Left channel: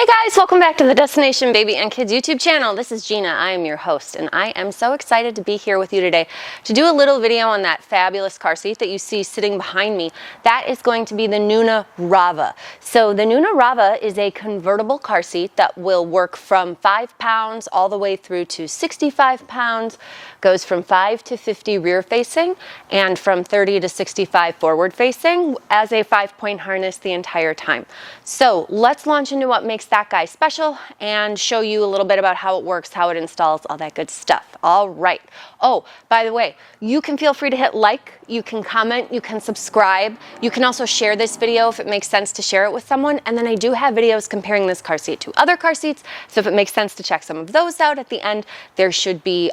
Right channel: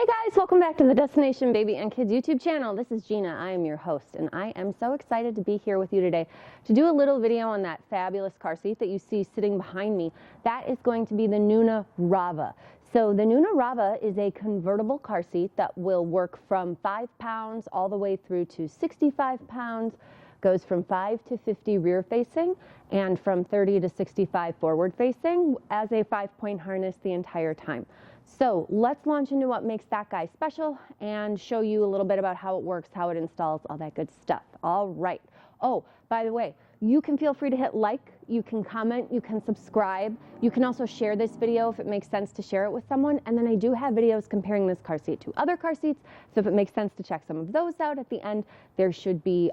Hey guys, welcome back to the Destination Baby and Kids YouTube channel. This is Gina, I am your host, and I am so excited to be here with you today to do a little video on that fabulous car seat that you see sitting behind me. That is going to be the NUNA RAVA. So the NUNA RAVA is a convertible car seat that will work from 5 pounds all the way through to 65 pounds, goes from 5 to 50 rear facing, and from 30 to 65 forward facing as a 5-point harness the entire time. So let's launch into what makes that guy special and show you a little bit about how it works, how it installs, all that good stuff. All right. Oh, by the way, you can feel free to hit like, you can comment, you can subscribe. You can also share this video if it makes sense to share it with someone. And then I do have videos comparing this car seat to other car seats. So if it makes sense to check some of those out at the end, there should be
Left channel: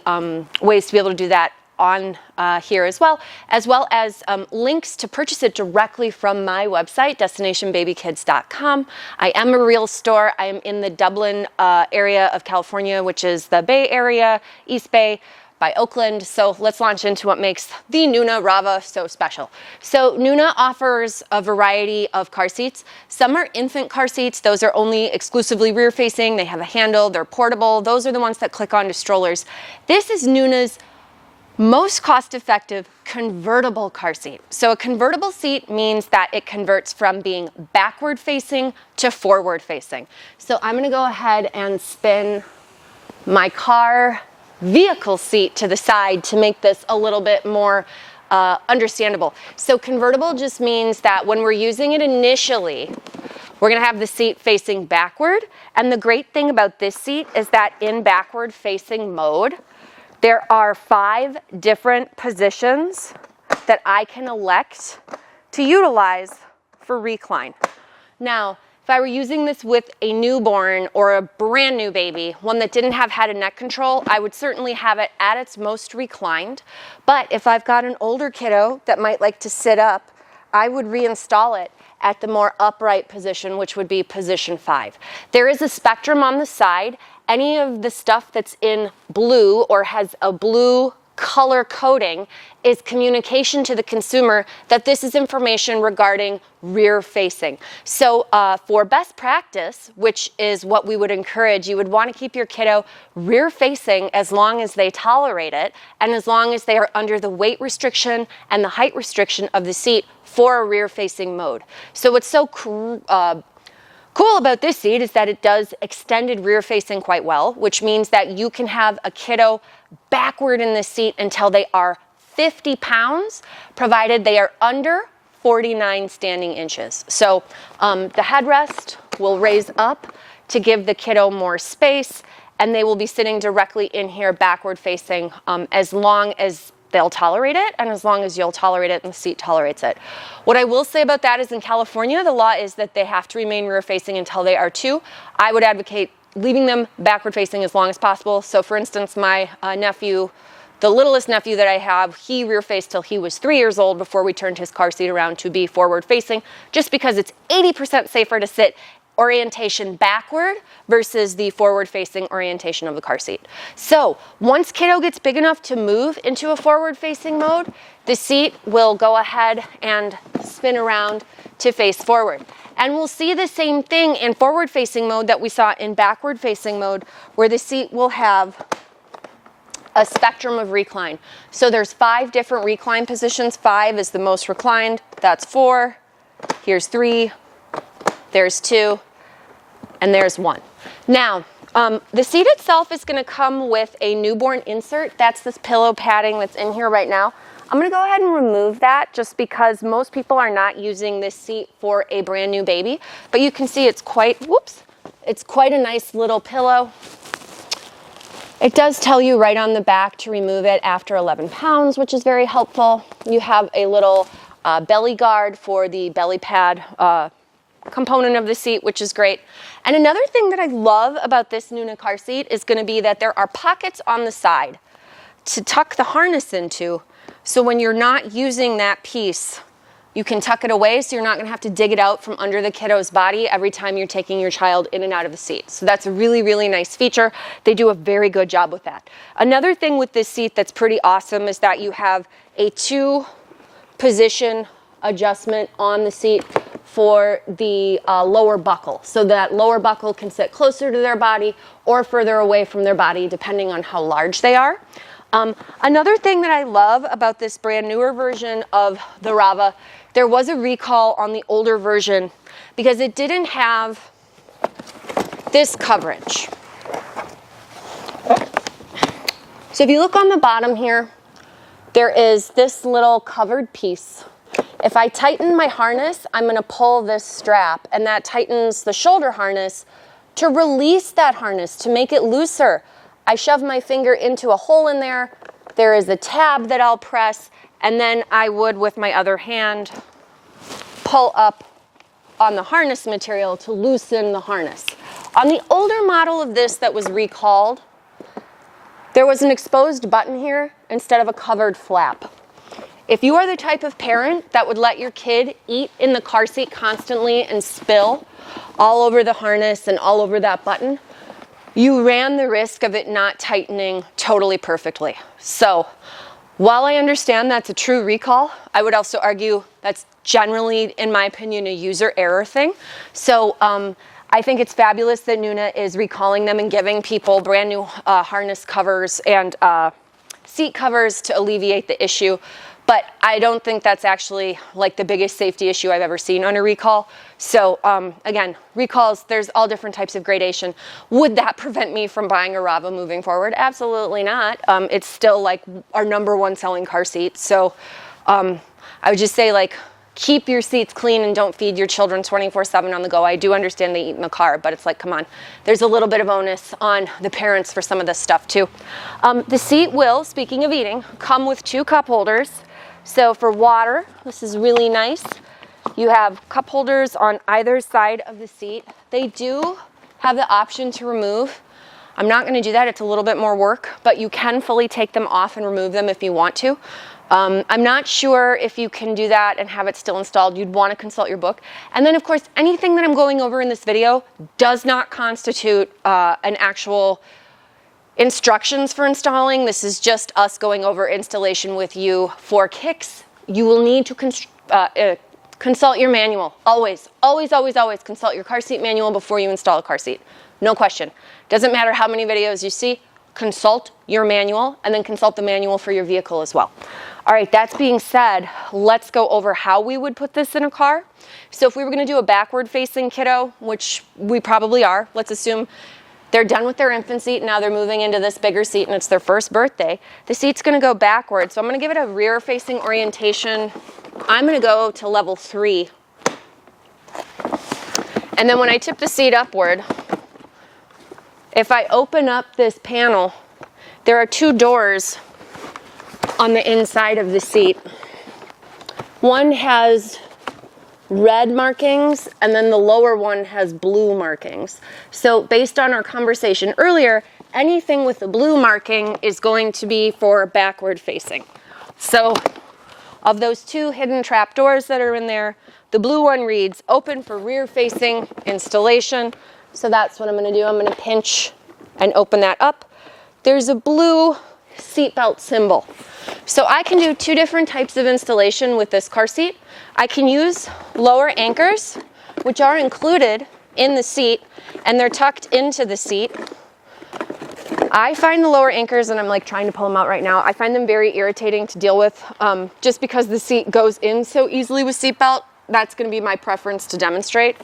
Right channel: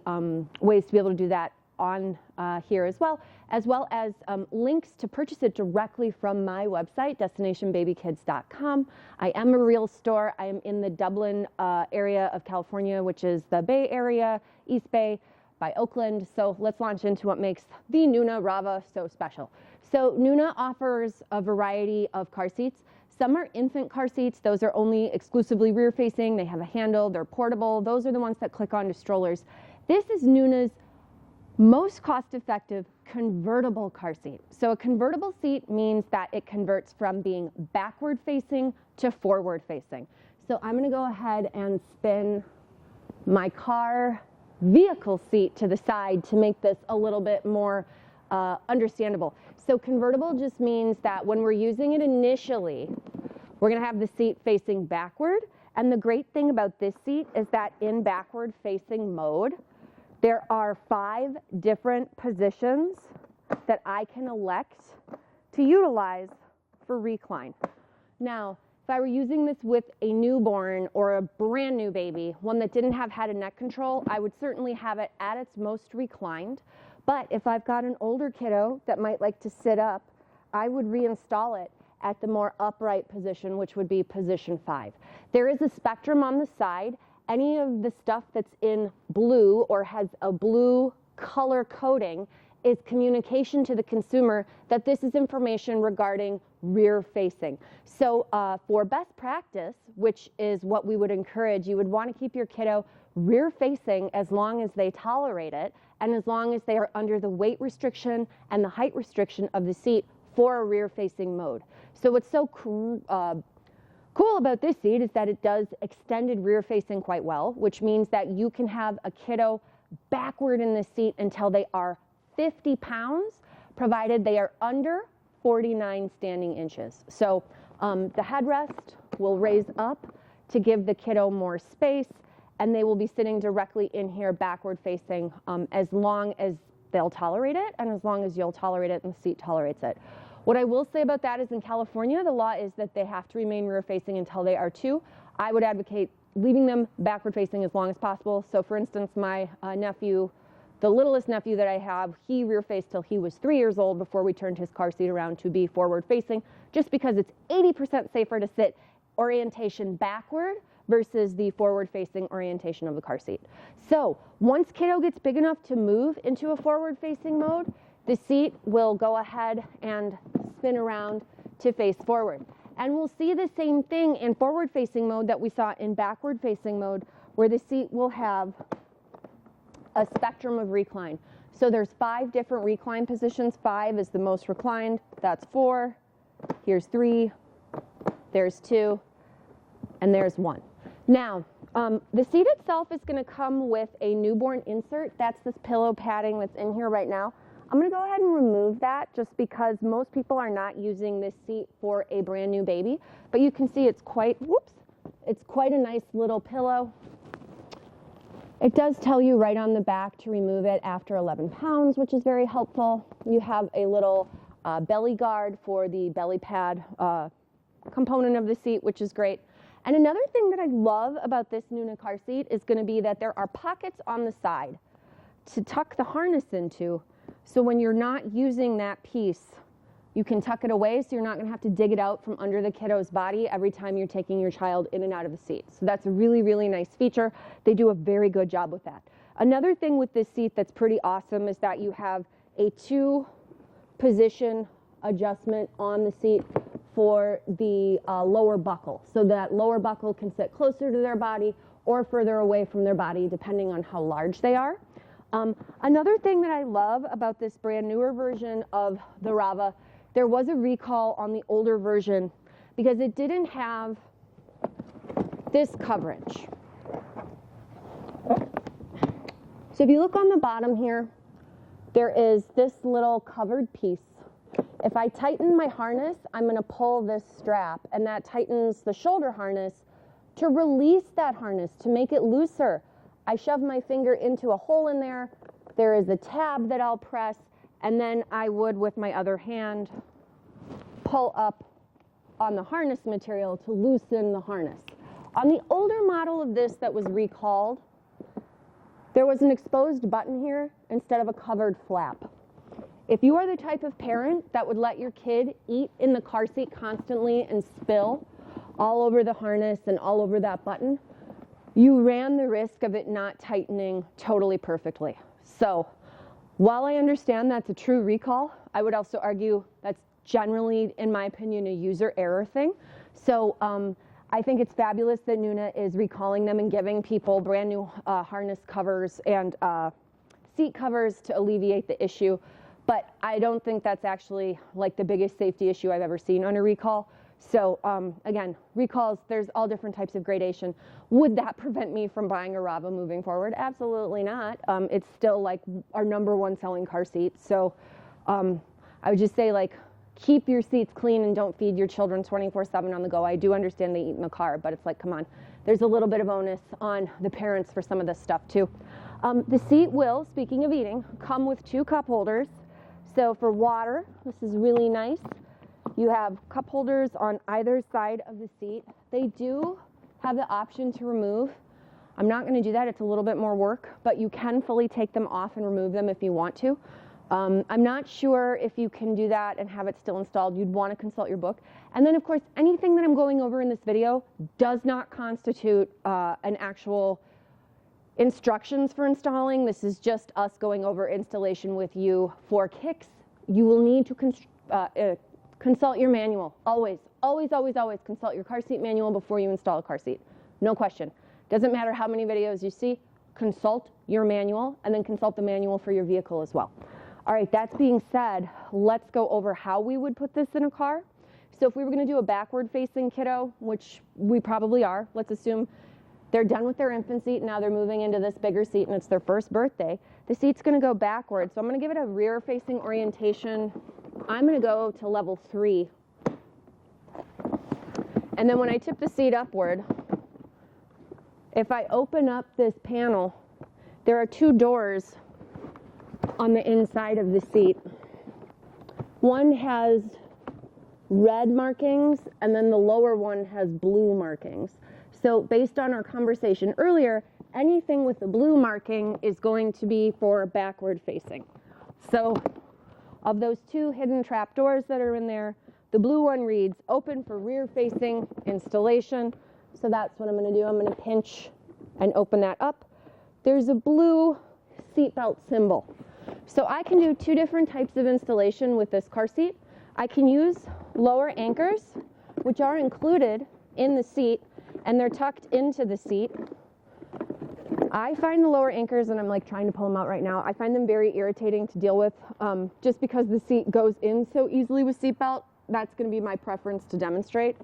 ways to be able to do that on here as well as links to purchase it directly from my website, destinationbabykids.com. I am a real store. I am in the Dublin area of California, which is the Bay Area, East Bay, by Oakland. So let's launch into what makes the NUNA RAVA so special. So NUNA offers a variety of car seats. Some are infant car seats. Those are only exclusively rear facing. They have a handle, they're portable. Those are the ones that click onto strollers. This is NUNA's most cost-effective convertible car seat. So a convertible seat means that it converts from being backward facing to forward facing. So I'm gonna go ahead and spin my car vehicle seat to the side to make this a little bit more understandable. So convertible just means that when we're using it initially, we're gonna have the seat facing backward. And the great thing about this seat is that in backward facing mode, there are 5 different positions that I can elect to utilize for recline. Now, if I were using this with a newborn or a brand new baby, one that didn't have head and neck control, I would certainly have it at its most reclined. But if I've got an older kiddo that might like to sit up, I would reinstall it at the more upright position, which would be position 5. There is a spectrum on the side. Any of the stuff that's in blue or has a blue color coding is communication to the consumer that this is information regarding rear facing. So for best practice, which is what we would encourage, you would want to keep your kiddo rear facing as long as they tolerate it and as long as they are under the weight restriction and the height restriction of the seat for a rear facing mode. So what's so cool about this seat is that it does extended rear facing quite well, which means that you can have a kiddo backward in this seat until they are 50 pounds, provided they are under 49 standing inches. So the headrest will raise up to give the kiddo more space, and they will be sitting directly in here backward facing as long as they'll tolerate it and as long as you'll tolerate it and the seat tolerates it. What I will say about that is in California, the law is that they have to remain rear facing until they are 2. I would advocate leaving them backward facing as long as possible. So for instance, my nephew, the littlest nephew that I have, he rear faced till he was 3 years old before we turned his car seat around to be forward facing, just because it's 80% safer to sit orientation backward versus the forward facing orientation of the car seat. So once kiddo gets big enough to move into a forward facing mode, the seat will go ahead and spin around to face forward. And we'll see the same thing in forward facing mode that we saw in backward facing mode, where the seat will have a spectrum of recline. So there's 5 different recline positions. 5 is the most reclined. That's 4. Here's 3. There's 2. And there's 1. Now, the seat itself is going to come with a newborn insert. That's this pillow padding that's in here right now. I'm going to go ahead and remove that just because most people are not using this seat for a brand new baby. But you can see it's quite a nice little pillow. It does tell you right on the back to remove it after 11 pounds, which is very helpful. You have a little belly guard for the belly pad component of the seat, which is great. And another thing that I love about this NUNA car seat is going to be that there are pockets on the side to tuck the harness into. So when you're not using that piece, you can tuck it away so you're not going to have to dig it out from under the kiddo's body every time you're taking your child in and out of the seat. So that's a really, really nice feature. They do a very good job with that. Another thing with this seat that's pretty awesome is that you have a 2-position adjustment on the seat for the lower buckle, so that lower buckle can sit closer to their body or further away from their body, depending on how large they are. Another thing that I love about this brand newer version of the Rava, there was a recall on the older version because it didn't have this coverage. So if you look on the bottom here, there is this little covered piece. If I tighten my harness, I'm going to pull this strap, and that tightens the shoulder harness. To release that harness, to make it looser, I shove my finger into a hole in there. There is a tab that I'll press, and then I would, with my other hand, pull up on the harness material to loosen the harness. On the older model of this that was recalled, there was an exposed button here instead of a covered flap. If you are the type of parent that would let your kid eat in the car seat constantly and spill all over the harness and all over that button, you ran the risk of it not tightening totally perfectly. So while I understand that's a true recall, I would also argue that's generally, in my opinion, a user error thing. So I think it's fabulous that NUNA is recalling them and giving people brand new harness covers and seat covers to alleviate the issue. But I don't think that's actually like the biggest safety issue I've ever seen on a recall. So again, recalls, there's all different types of gradation. Would that prevent me from buying a Rava moving forward? Absolutely not. It's still like our #1 selling car seat. So I would just say, like, keep your seats clean and don't feed your children 24/7 on the go. I do understand they eat in the car, but it's like, come on. There's a little bit of onus on the parents for some of this stuff too. The seat will, speaking of eating, come with 2 cup holders. So for water, this is really nice. You have cup holders on either side of the seat. They do have the option to remove. I'm not going to do that. It's a little bit more work, but you can fully take them off and remove them if you want to. I'm not sure if you can do that and have it still installed. You'd want to consult your book. And then, of course, anything that I'm going over in this video does not constitute an actual instructions for installing. This is just us going over installation with you for kicks. You will need to consult your manual. Always, always, always, always consult your car seat manual before you install a car seat. No question. Doesn't matter how many videos you see, consult your manual and then consult the manual for your vehicle as well. All right, that's being said, let's go over how we would put this in a car. So if we were going to do a backward facing kiddo, which we probably are, let's assume they're done with their infant seat, now they're moving into this bigger seat and it's their first birthday. The seat's going to go backwards, so I'm going to give it a rear facing orientation. I'm going to go to level 3. And then when I tip the seat upward, if I open up this panel, there are 2 doors on the inside of the seat. One has red markings, and then the lower one has blue markings. So based on our conversation earlier, anything with the blue marking is going to be for backward facing. So of those 2 hidden trap doors that are in there, the blue one reads open for rear facing installation. So that's what I'm going to do. I'm going to pinch and open that up. There's a blue seatbelt symbol. So I can do 2 different types of installation with this car seat. I can use lower anchors, which are included in the seat, and they're tucked into the seat. I find the lower anchors, and I'm like trying to pull them out right now, I find them very irritating to deal with just because the seat goes in so easily with seatbelt. That's going to be my preference to demonstrate.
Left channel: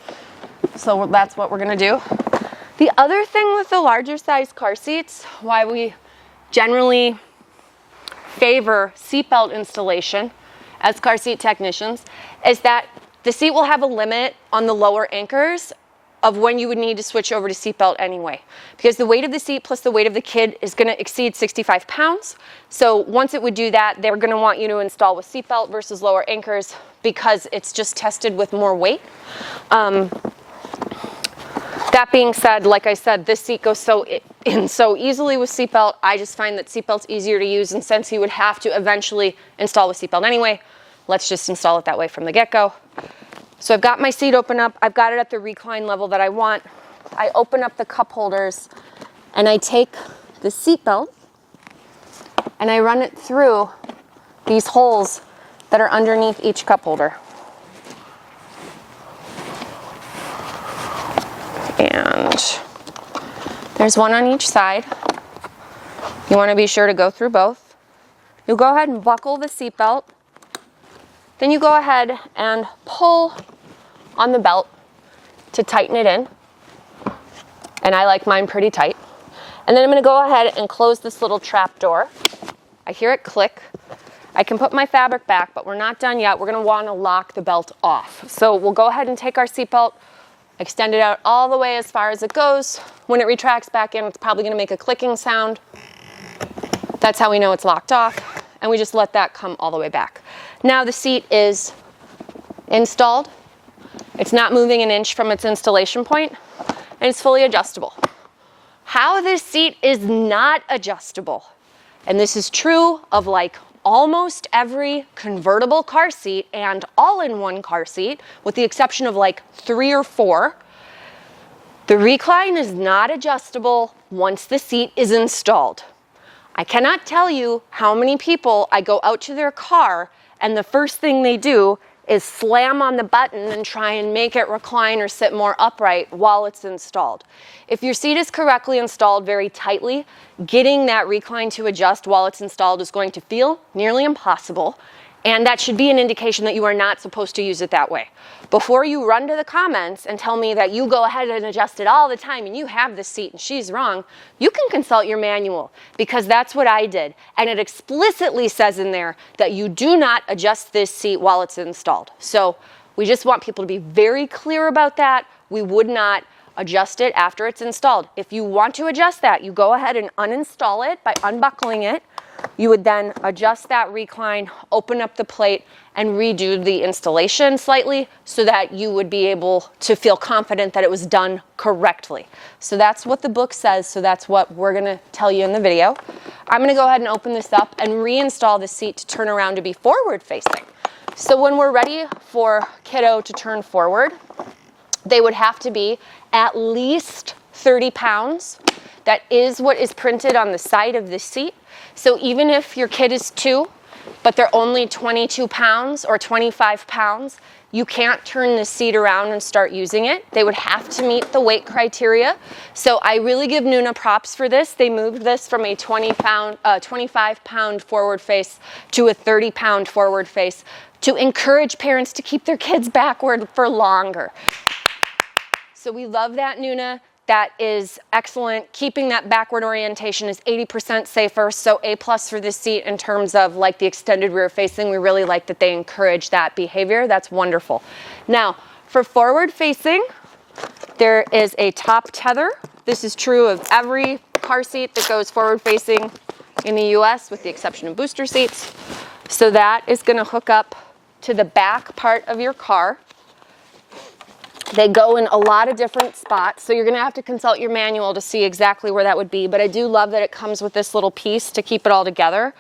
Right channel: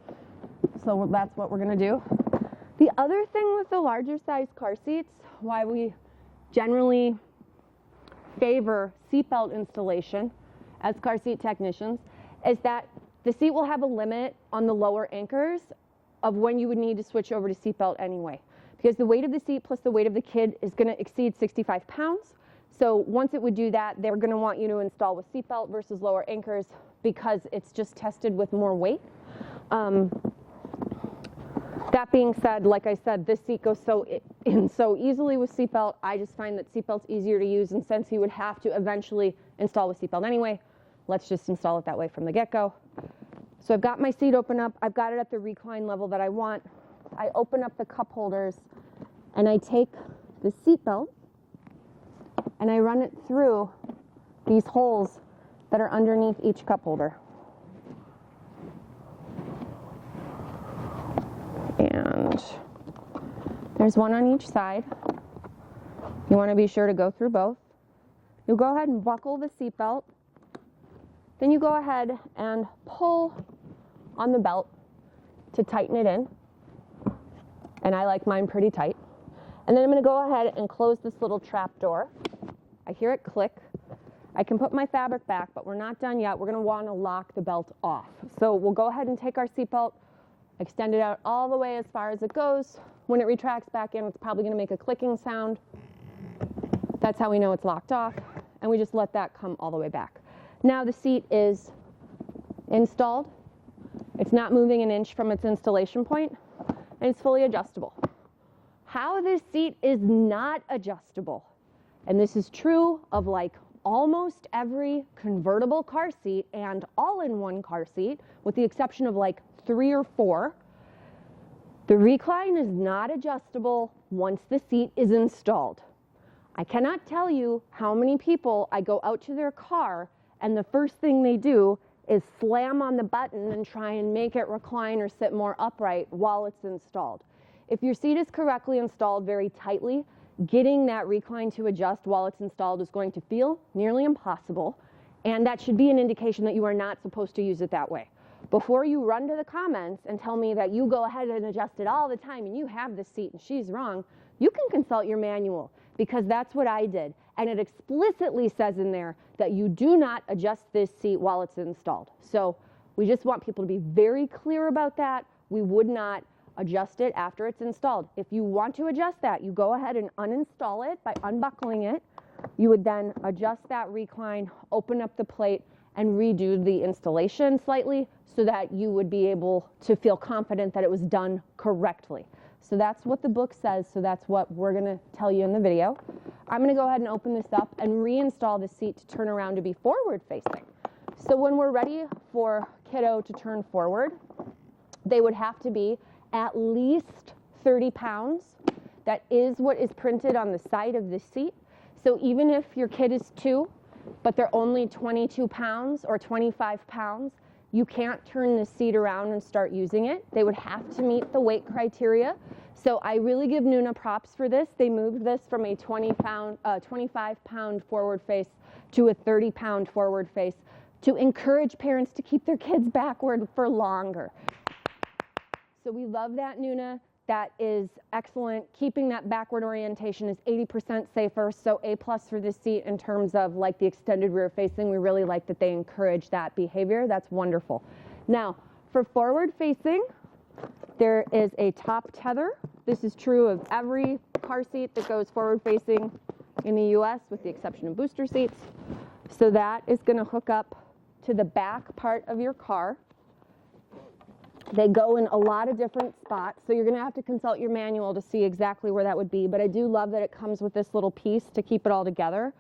So that's what we're going to do. The other thing with the larger size car seats, why we generally favor seatbelt installation as car seat technicians, is that the seat will have a limit on the lower anchors of when you would need to switch over to seatbelt anyway. Because the weight of the seat plus the weight of the kid is going to exceed 65 pounds. So once it would do that, they're going to want you to install with seatbelt versus lower anchors because it's just tested with more weight. That being said, like I said, this seat goes in so easily with seatbelt. I just find that seatbelt's easier to use, and since you would have to eventually install with seatbelt anyway, let's just install it that way from the get-go. So I've got my seat open up. I've got it at the recline level that I want. I open up the cup holders, and I take the seatbelt, and I run it through these holes that are underneath each cup holder. And there's one on each side. You want to be sure to go through both. You go ahead and buckle the seatbelt. Then you go ahead and pull on the belt to tighten it in. And I like mine pretty tight. And then I'm going to go ahead and close this little trap door. I hear it click. I can put my fabric back, but we're not done yet. We're going to want to lock the belt off. So we'll go ahead and take our seatbelt, extend it out all the way as far as it goes. When it retracts back in, it's probably going to make a clicking sound. That's how we know it's locked off. And we just let that come all the way back. Now the seat is installed. It's not moving an inch from its installation point, and it's fully adjustable. How this seat is not adjustable, and this is true of like almost every convertible car seat and all-in-one car seat, with the exception of like 3 or 4, the recline is not adjustable once the seat is installed. I cannot tell you how many people I go out to their car and the first thing they do is slam on the button and try and make it recline or sit more upright while it's installed. If your seat is correctly installed very tightly, getting that recline to adjust while it's installed is going to feel nearly impossible, and that should be an indication that you are not supposed to use it that way. Before you run to the comments and tell me that you go ahead and adjust it all the time and you have this seat and she's wrong, you can consult your manual, because that's what I did. And it explicitly says in there that you do not adjust this seat while it's installed. So we just want people to be very clear about that. We would not adjust it after it's installed. If you want to adjust that, you go ahead and uninstall it by unbuckling it. You would then adjust that recline, open up the plate, and redo the installation slightly so that you would be able to feel confident that it was done correctly. So that's what the book says, so that's what we're gonna tell you in the video. I'm gonna go ahead and open this up and reinstall the seat to turn around to be forward facing. So when we're ready for kiddo to turn forward, they would have to be at least 30 pounds. That is what is printed on the side of the seat. So even if your kid is 2, but they're only 22 pounds or 25 pounds, you can't turn the seat around and start using it. They would have to meet the weight criteria. So I really give NUNA props for this. They moved this from a 25 pound forward face to a 30 pound forward face to encourage parents to keep their kids backward for longer. So we love that, NUNA. That is excellent. Keeping that backward orientation is 80% safer, so A+ for this seat in terms of like the extended rear facing. We really like that they encourage that behavior. That's wonderful. Now, for forward facing, there is a top tether. This is true of every car seat that goes forward facing in the US, with the exception of booster seats. So that is going to hook up to the back part of your car. They go in a lot of different spots, so you're going to have to consult your manual to see exactly where that would be. But I do love that it comes with this little piece to keep it all together,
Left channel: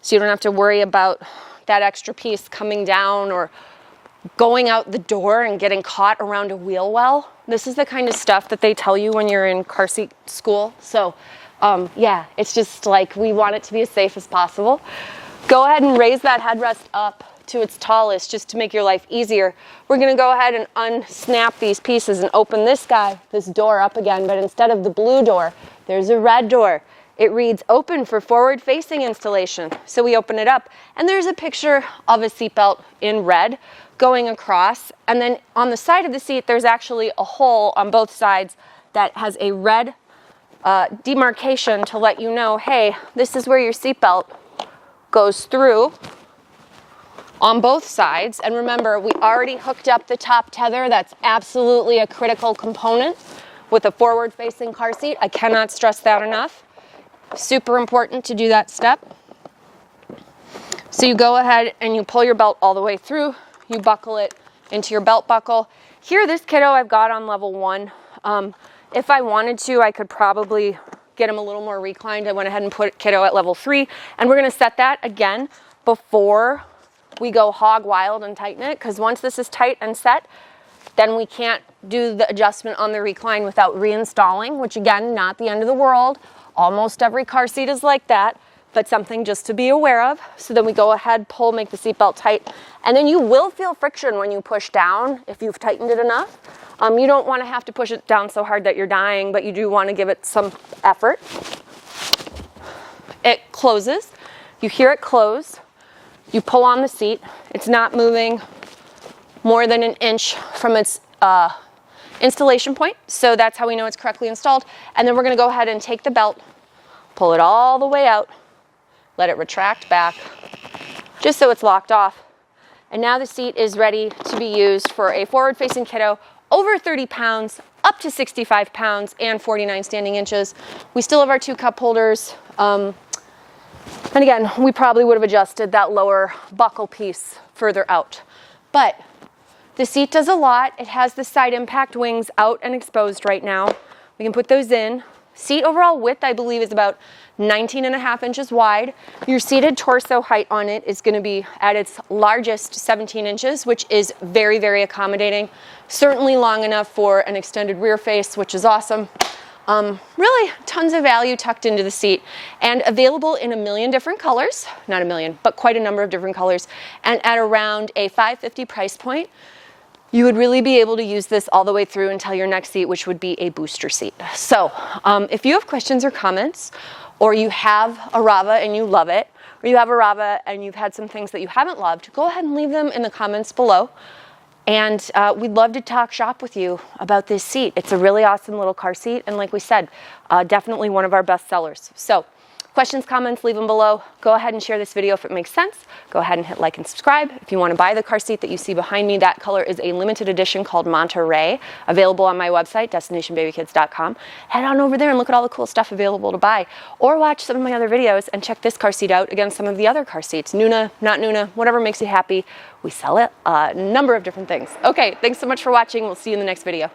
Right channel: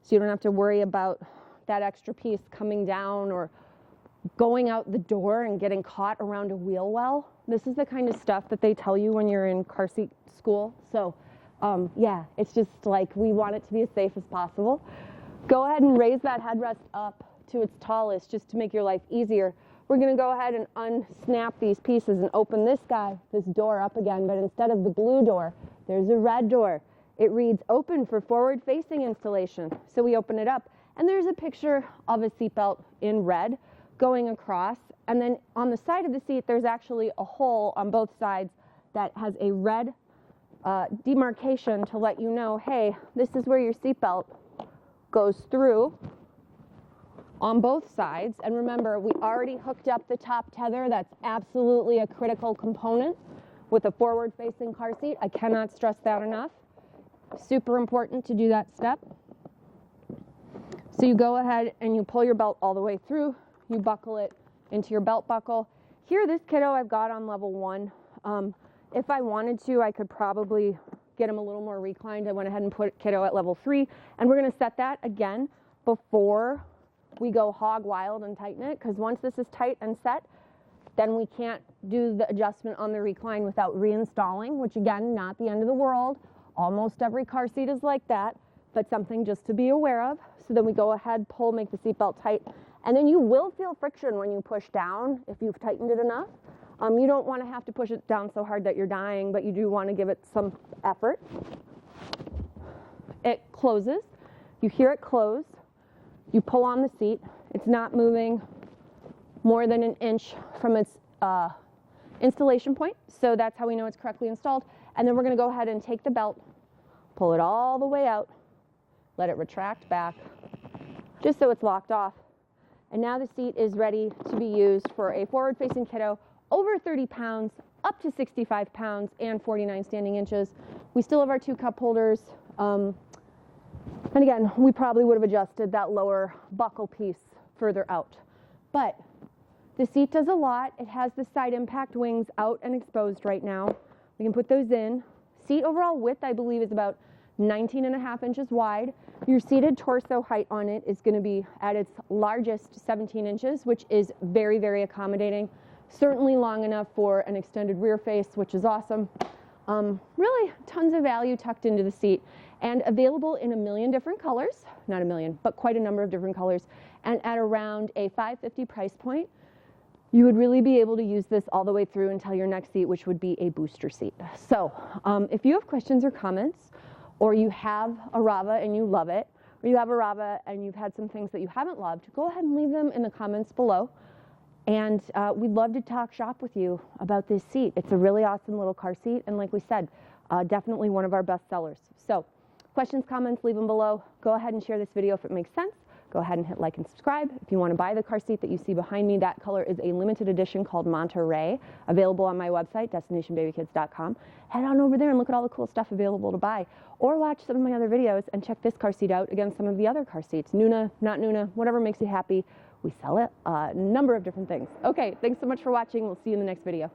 so you don't have to worry about that extra piece coming down or going out the door and getting caught around a wheel well. This is the kind of stuff that they tell you when you're in car seat school. So yeah, it's just like we want it to be as safe as possible. Go ahead and raise that headrest up to its tallest just to make your life easier. We're going to go ahead and unsnap these pieces and open this door up again, but instead of the blue door, there's a red door. It reads open for forward facing installation. So we open it up and there's a picture of a seatbelt in red going across, and then on the side of the seat there's actually a hole on both sides that has a red demarcation to let you know, hey, this is where your seatbelt goes through on both sides. And remember, we already hooked up the top tether. That's absolutely a critical component with a forward-facing car seat. I cannot stress that enough. Super important to do that step. So you go ahead and you pull your belt all the way through. You buckle it into your belt buckle. Here, this kiddo I've got on level 1. If I wanted to, I could probably get him a little more reclined. I went ahead and put kiddo at level 3. And we're going to set that again before we go hog wild and tighten it, because once this is tight and set, then we can't do the adjustment on the recline without reinstalling, which again, not the end of the world. Almost every car seat is like that, but something just to be aware of. So then we go ahead, pull, make the seatbelt tight, and then you will feel friction when you push down if you've tightened it enough. You don't want to have to push it down so hard that you're dying, but you do want to give it some effort. It closes. You hear it close. You pull on the seat. It's not moving more than an inch from its installation point. So that's how we know it's correctly installed. And then we're going to go ahead and take the belt, pull it all the way out, let it retract back, just so it's locked off. And now the seat is ready to be used for a forward-facing kiddo over 30 pounds, up to 65 pounds, and 49 standing inches. We still have our 2 cup holders. And again, we probably would have adjusted that lower buckle piece further out. But the seat does a lot. It has the side impact wings out and exposed right now. We can put those in. Seat overall width, I believe, is about 19.5 inches wide. Your seated torso height on it is going to be at its largest 17 inches, which is very, very accommodating. Certainly long enough for an extended rear face, which is awesome. Really tons of value tucked into the seat, and available in a million different colors. Not a million, but quite a number of different colors. And at around a $550 price point, you would really be able to use this all the way through until your next seat, which would be a booster seat. So if you have questions or comments, or you have a Rava and you love it, or you have a Rava and you've had some things that you haven't loved, go ahead and leave them in the comments below. And we'd love to talk shop with you about this seat. It's a really awesome little car seat. And like we said, definitely one of our best sellers. So questions, comments, leave them below. Go ahead and share this video if it makes sense. Go ahead and hit like and subscribe. If you want to buy the car seat that you see behind me, that color is a limited edition called Monterey, available on my website, destinationbabykids.com. Head on over there and look at all the cool stuff available to buy. Or watch some of my other videos and check this car seat out against some of the other car seats. NUNA, not NUNA, whatever makes you happy. We sell it a number of different things. Okay, thanks so much for watching. We'll see you in the next video.